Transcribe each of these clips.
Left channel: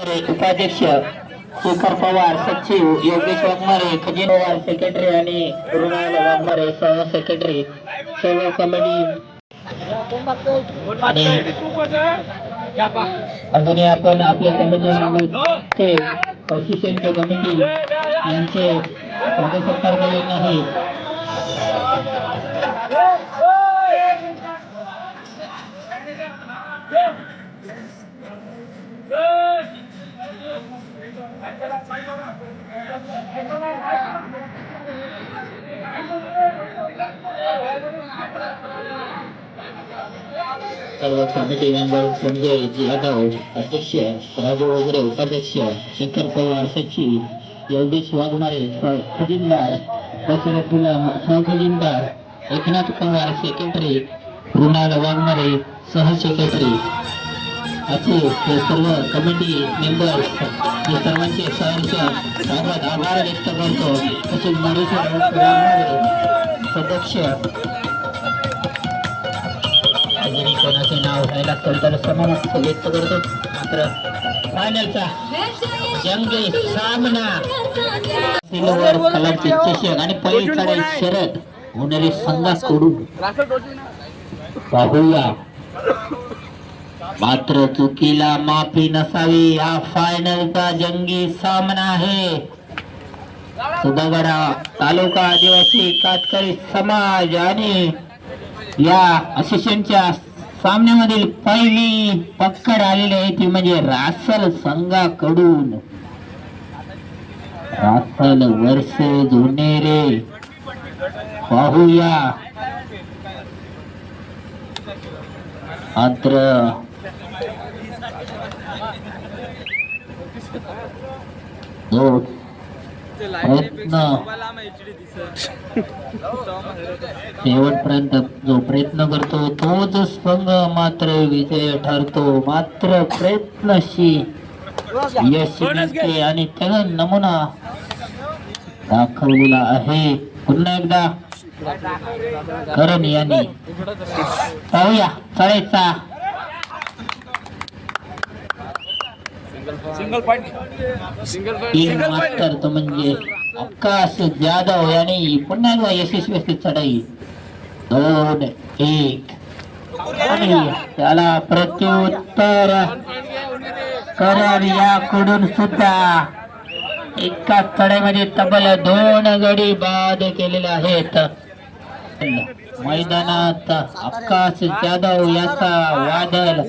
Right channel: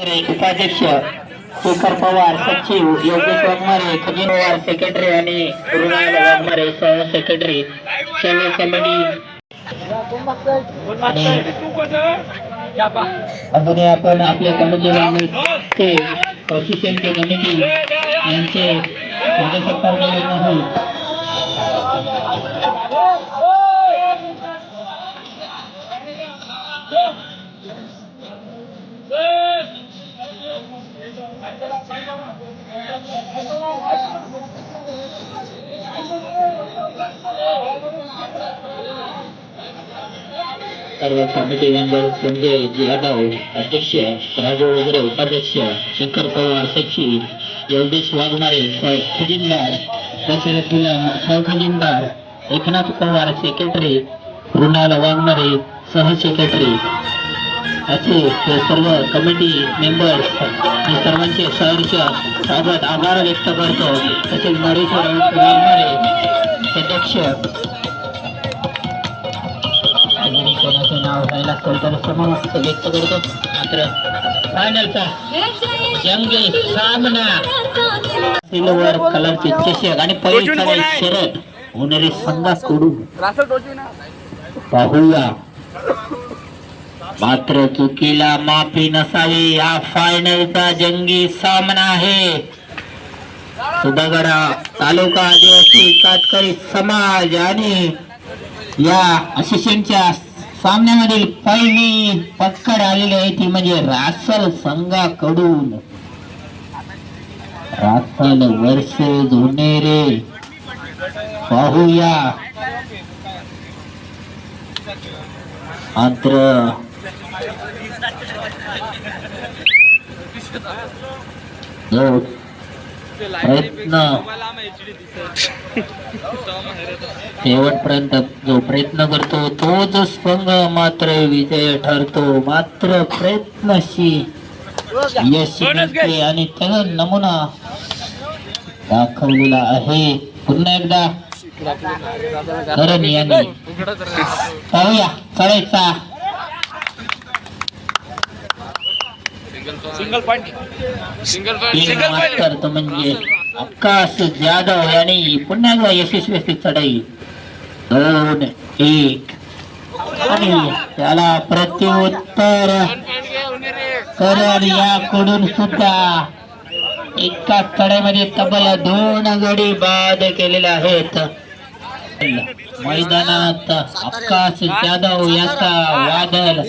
उपाध्यक्ष शेखर पवार सचिव योगेश वाघमारे खजिन पवार सेक्रेटरी आणि रुणाल वाघमारे सह सेक्रेटरी सर्व कमिटी आणि अजूनही आपण आपल्या कमिटी ते असोसिएशनचे कमिटी यांचे सत्कार केले नाही. सर्व समिती मेंबर संजय यादव अध्यक्ष राजू वगैरे उपाध्यक्ष शंकर पवार सचिव योगेश वाघमारे खजिनदार दशरथ गुलाम सहखजिनदार एकनाथ पवार सेक्रेटरी मृणाल वाघमारे सहसेक्रेटरी असे हे सर्व कमिटी मेंबर्स मी सर्वांचे सहर्ष स्वागत आभार व्यक्त करतो. तसेच सदस्य जरी कोणाचे नाव असेल तर समाविष्ट व्यक्त करतो. मात्र फायनलचा जंगी सामना. सिल्वर कलरचे चषक आणि पहिली शरद. होणारी संघाकडून पाहूया. मात्र चुकीला माफी नसावी हा फायनलचा जंगी सामना आहे. सुधागडा तालुका आदिवासी कातकरी समाज आणि या असिस्टंटच्या सामन्यामधील पहिली पक्कड आलेली आहे ती म्हणजे रासल संघाकडून. रासल वर्ष जोनेरे पाहूया. मात्र शेवटपर्यंत जो प्रयत्न करतो तोच स्पंग मात्र विजय ठरतो. मात्र प्रयत्नशी यश मिळते आणि त्याला नमुना दाखवलेला आहे. पुन्हा एकदा करण यांनी. पाहूया चढायचा सिंगल पॉइंट सिंगल तीन मास्तर तो म्हणजे आकाश जाधव यांनी पुन्हा एकदा यशस्वी असते चढाई. दोन एक. आणि त्याला प्रत्युत्तर करण याकडून सुद्धा एका चढाईमध्ये तब्बल दोन गडी बाद केलेले आहेत. मैदानात आकाश जाधव याचा वादळ.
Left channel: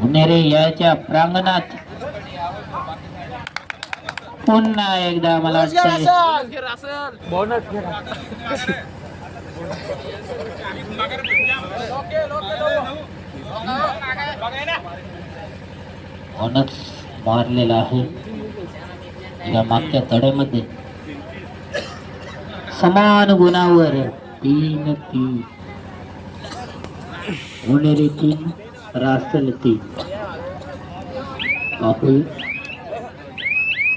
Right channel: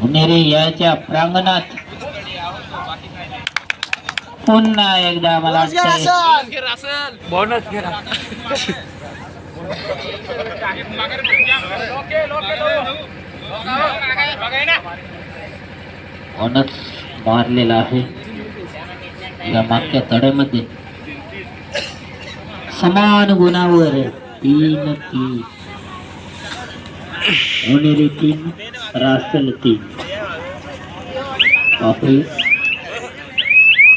पुणेरे याच्या प्रांगणात. पुन्हा एकदा मला बोनस मारलेला आहे. या मागच्या तड्यामध्ये. समान गुणावर तीन तीन. उनेरी तीन.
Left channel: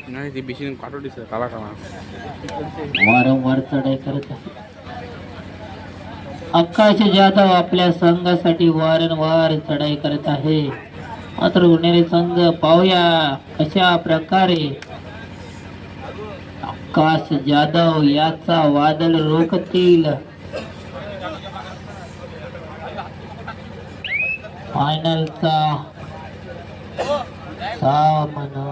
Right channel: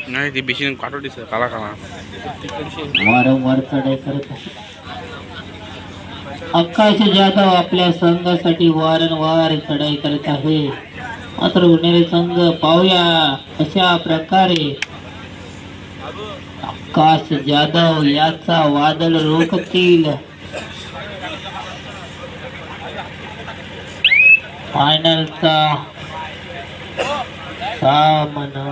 नाही ती बेशीन काढू दिसत काला काला. वारंवार चढाई करत आहे. आकाश जाधव आपल्या संघासाठी वारंवार चढाई करत आहे. मात्र उन्हेरी संघ पाहूया अशा प्रकारे आकाश जाधव याचा वादळ रोखतील. फायनलचा सामना.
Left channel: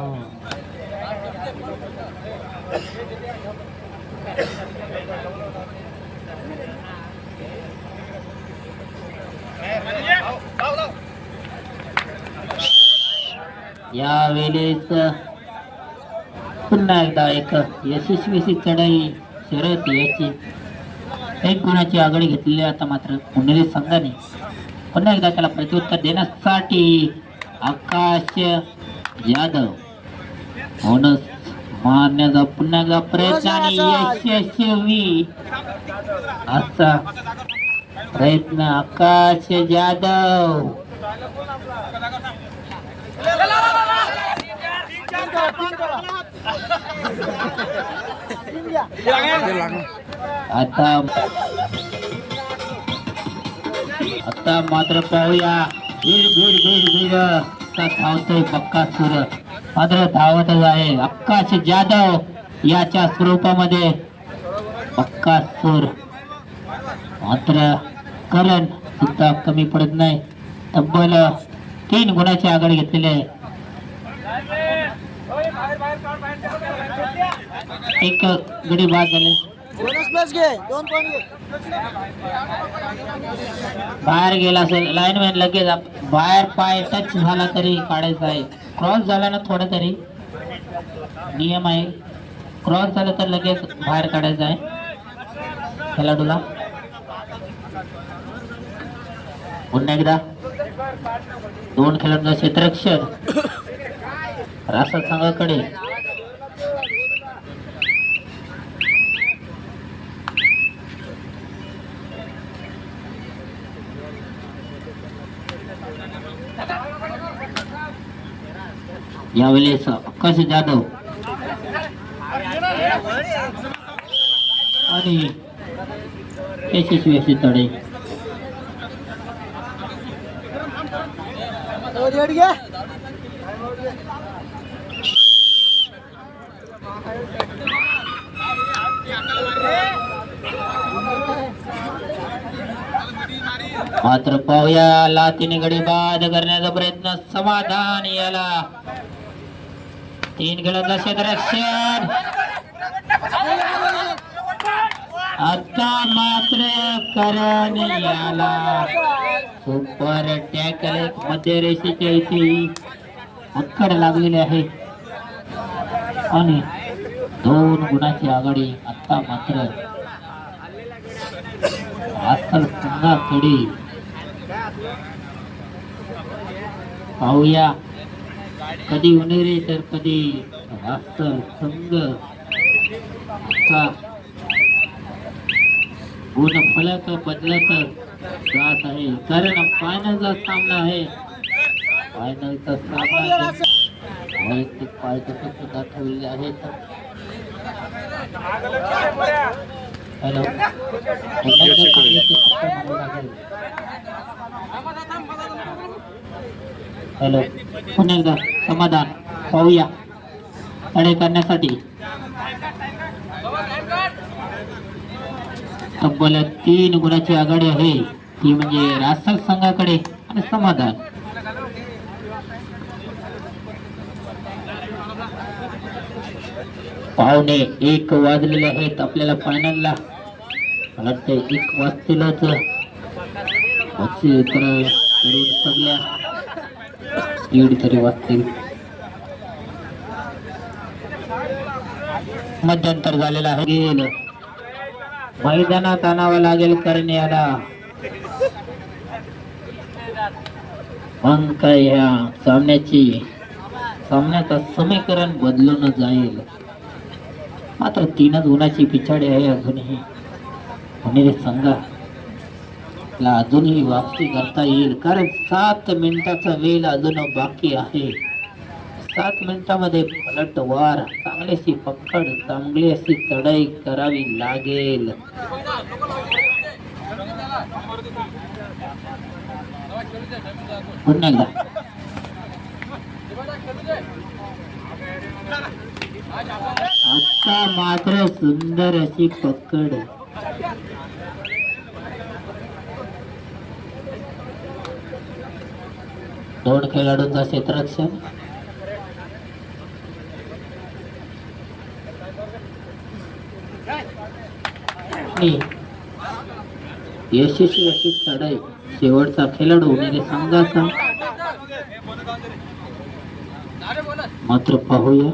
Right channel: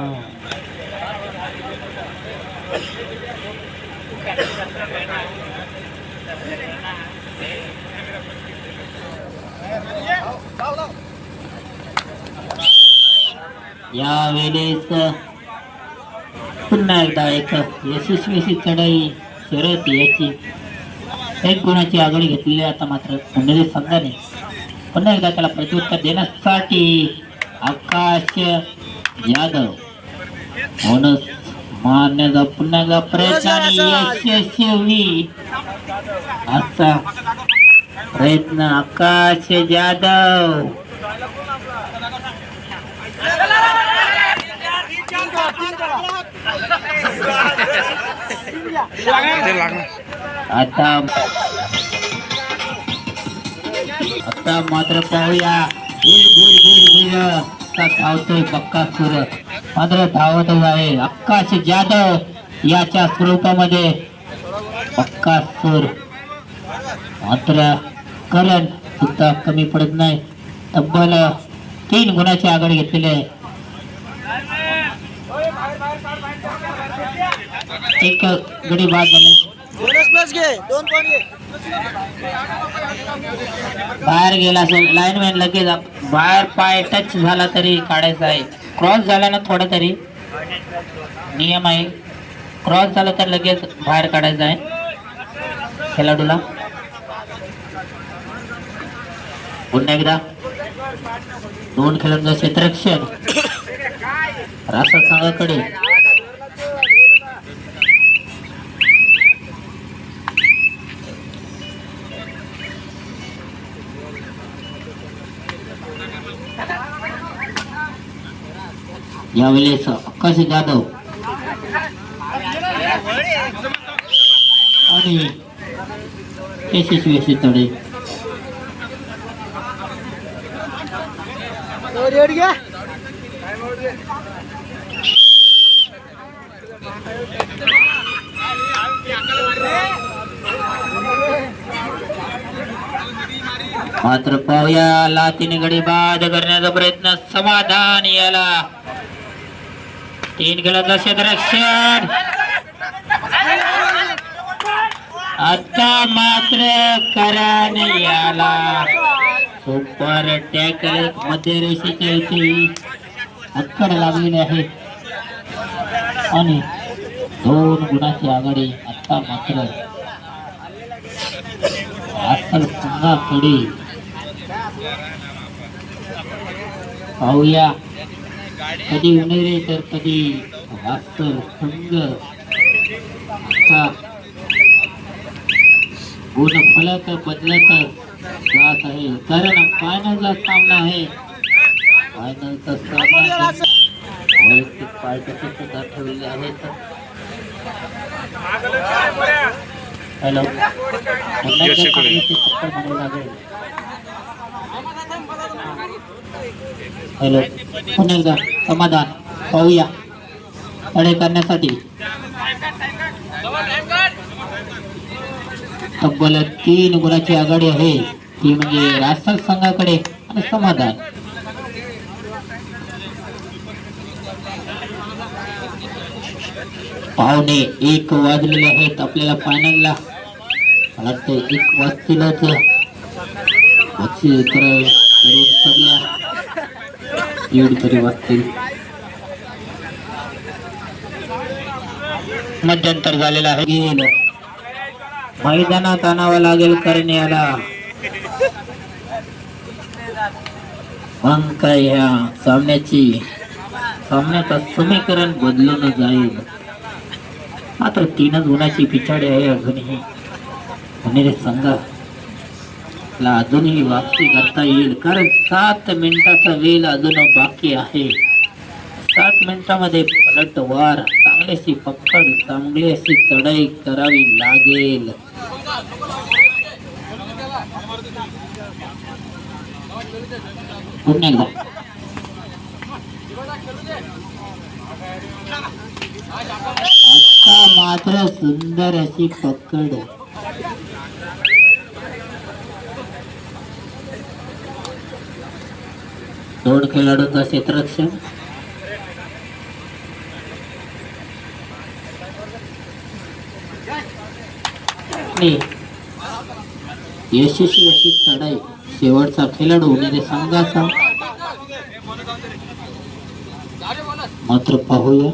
यावेळेस पुन्हा एकदा एक यशस्वी चढाई शरद याची. एक गुणाची आघाडी घेतलेली आता मात्र पुणेरी संघाने. पुन्हा एकदा त्याला प्रत्युत्तर देण्यासाठी आकाश जाधव बोनस मारण्याचा पुन्हा एकदा प्रयत्न आणि यशस्वी असा प्रयत्न आकाश लागणार आता आता मात्र पाहूया. धावतोय पक्का सूर. मात्र धावतच आहे. आकाश जाधव याच्या स्वरूपामध्ये. पक्का सूर. मात्र करण सुद्धा कमी पडत नाही. तब्बल तीन गुणाची आघाडी घेतलेली आहे. एक गडी बाद झाले. बाहेर गेला असेल. लाईनमॅन लगेच बाहेर पाय टच झाला तरी काढायचा आहे. क्रॉस झाला ना थोडा तरी. नियम आहे. क्रॉस झाला तर लगेच बाहेर काढायचा आहे. खेळाडूला. पुन्हा एकदा. दोन खेळांचं क्षेत्ररक्षण. रासा संघाकडे यावेळेस आकाश जाधव. आणि यशस्वी तडे तडे. मात्र पाहूया लातीने गडी बाद करण्याचा प्रयत्न समाधान याला. तीन खेळाचा क्षेत्ररक्षण आता मात्र करण याला. सुपर टॅकल मध्य रेषेच्या इथे अक्कड लागलेले आहे. आणि दोन गुणाची आघाडी आता मात्र. अस्सल संघाकडे पाहूया. कधी उन्हेरे तर कधी वास्तव संघ आता गुण फलक बदलत जात आहे. कारण फायनलचा सामना आहे. फायनलचा सामना वैयक्तिक पार्टीचे सुद्धा ठेवलेले आहेत. हॅलो कोरे. हॅलो. पुन्हा एकदा समाधान. पाहूया. अडे करण्यासाठी. तब्बल तीन गुणाची आघाडी आहे. ती म्हणजे राजस्थान संघाकडे. आणि समाधान. पाहुणे एक वाजलेले आहेत. आपल्याला पाण्याला वाटतं एक वाजतीलच. बक्षी तर सगळ्या. दीड तरी वाजतील मध्यंतर झालेला आहे. गेलं. मैदानात आणावं लागेल कारण याला अंक काय ह्या सामन्याची सामन्याचं समीकरण बदलून जाईल. मात्र तीनच गुणाची पिछाडी आहे अजूनही. संघ. आपला अजूनही वापसी करता येईल. कारण सात मिनिटाचा वेळ अजून बाकी आहे. सात मिनिटामध्ये पलटवार चांगल्याशी पकड चांगली अशी चढाई करावी लागेल. पुन्हा आता मात्र सुंदर अशी पकड. दोन खेळाडूंचा क्षेत्ररक्षण यशस्वी अशी चढाई शेवटचा खेळाडू म्हणजे संघाचा. मात्र पाहूया.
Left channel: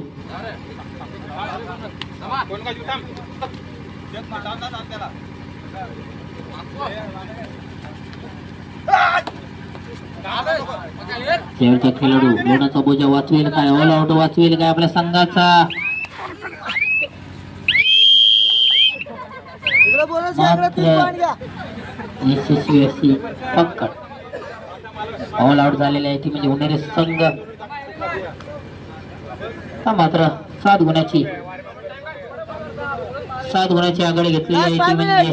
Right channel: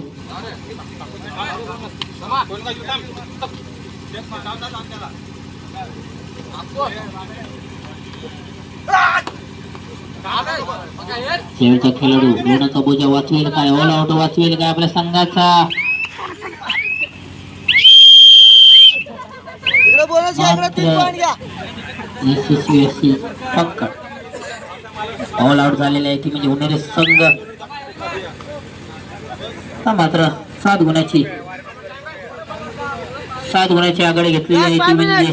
शेवटचा खेळाडू लोणाचा बोजा वाचवेल काय? ऑल आउट वाचवेल काय आपल्या संघाचा? ऑल आउट झालेले आहे ती म्हणजे उन्हाळे संघ. हा मात्र सात गुणाची सात गुणाची आघाडी घेतलेली आहे ती म्हणजे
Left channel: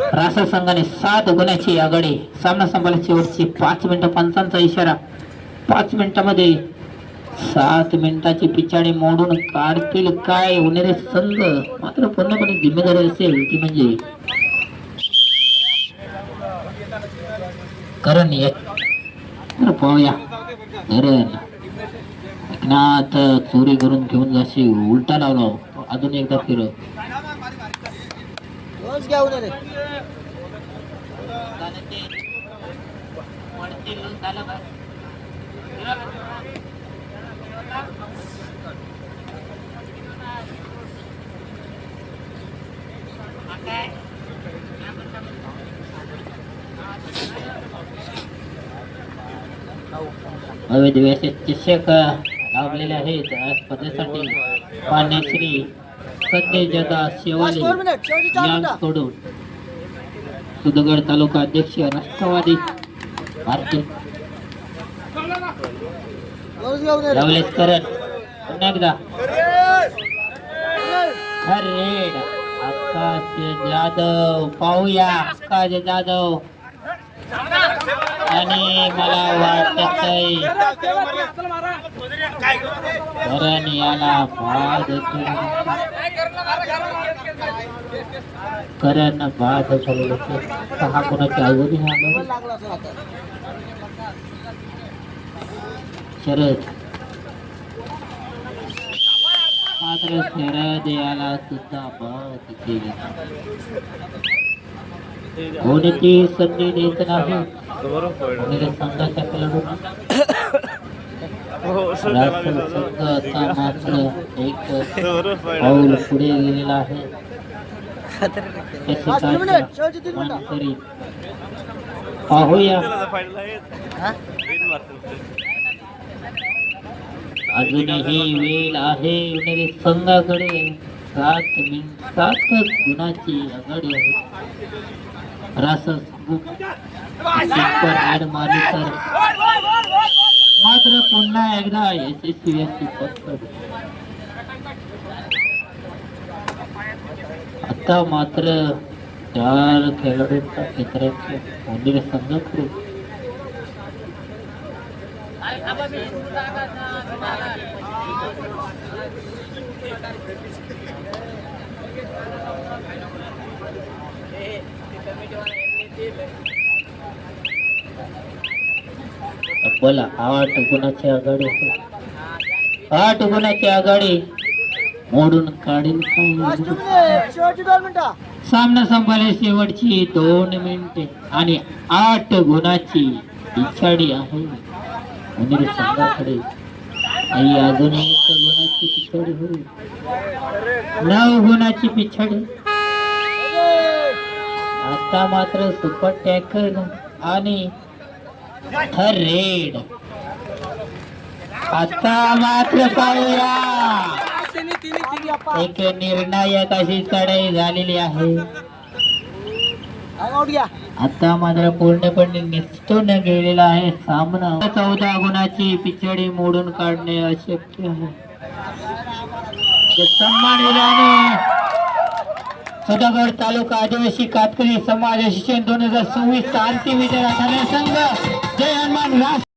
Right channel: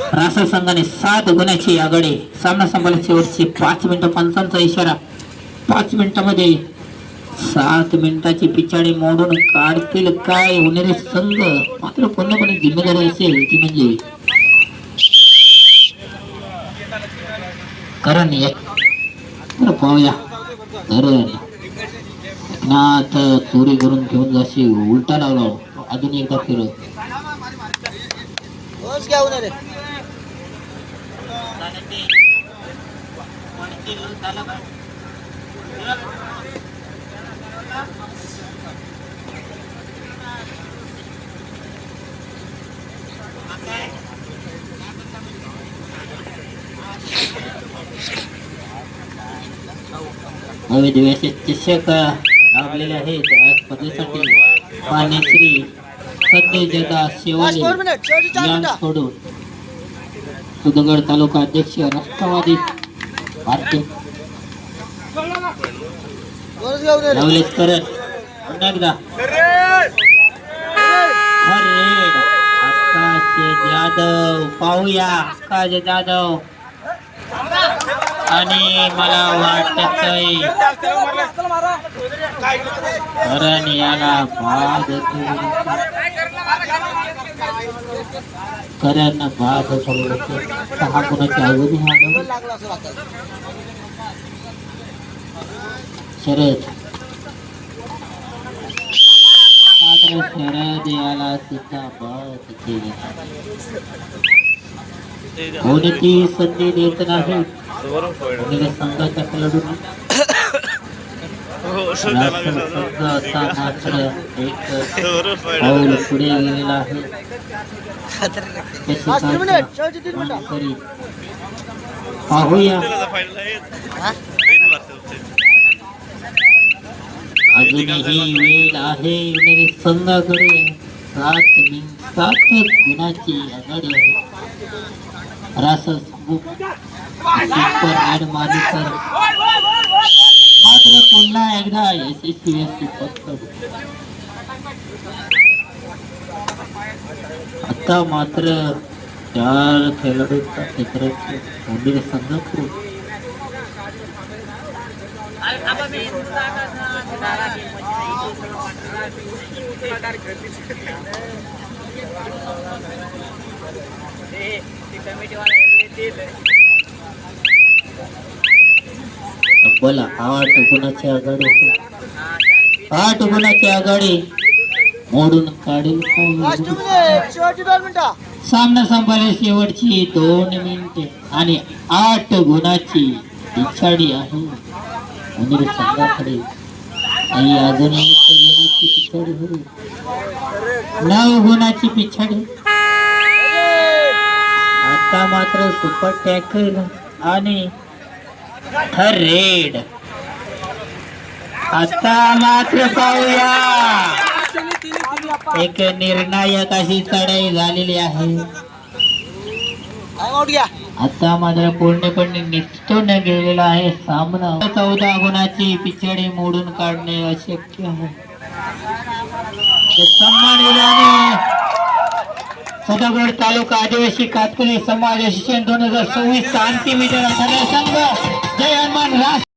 शेवटचे संघाने सात गुणाची आघाडी सामना संपला शेवटची पाच मिनिटं पंचांचा इशारा. पाच मिनिटामध्ये सात मिनिटाची पिछाडी मोडून काढतील काय होणारे संघ? मात्र पूर्णपणे जिम्मेदारी असेल ती म्हणजे करण पाहूया. करण एकनाथ चोरी करून घेऊन जाशी उलटा लावला. अजून एकदा फिर शिक्षक लाभलेले पाण्याश्री सत्य जगा शेवाले यान सुदगड तालुका अध्यक्ष राष्ट्रवादी भारतीय लावलेत परत पुन्हा एकदा. अरे आकाश जाधव पाहूया आकाश जाधव. आणि मला वाटत करण याला बाद करण बाद सहा कोणाच्या अवधी शरद. मात्र शरद याला सुद्धा बाद केली. कोणती संधी देत नाही. संघाच्या खेळाडूंनी. मात्र एक पाऊल पुढे गेलेला आहे. पाहूया. अजूनही वेळ आहे येणारे संघाकडे. सात मिनिटात गुणाची आघाडी आहे. रासस सुपर ॲड मारली तर मात्र पुन्हा एकदा यशस्वी असते पत्कड आता मात्र चार खेळाडूंचा क्षेत्राचे मंदिर संघाकडे बोला आठ गुणाची आघाडी. आठ गुणाची आघाडी. मोडून काढेल सामना संपले शेवटची दोन मिनिटे आणि आठ गुणाची पिछाडी आहे. मंदिर संघाकडे आई अजून एक पिछाडी होईल नाव होण्याची पिछाडी. आता मात्र सुपर टॅकल आणि रेड आता मात्र पाहूया. एक निर्णायक अशी चढाई झालेली आहे. आता मात्र पूर्णपणे निष्ठून गेलेला आहे सामना. चौदा गुणाची पिछडी मोडून काढणे अशक्य आहे. सन्मान सदागड तालुका आदिवासी कातकुली समाज शिक्षण दोन हजार सव्वीस अंतिम विजय संघ. जय हनुमान राष्ट्र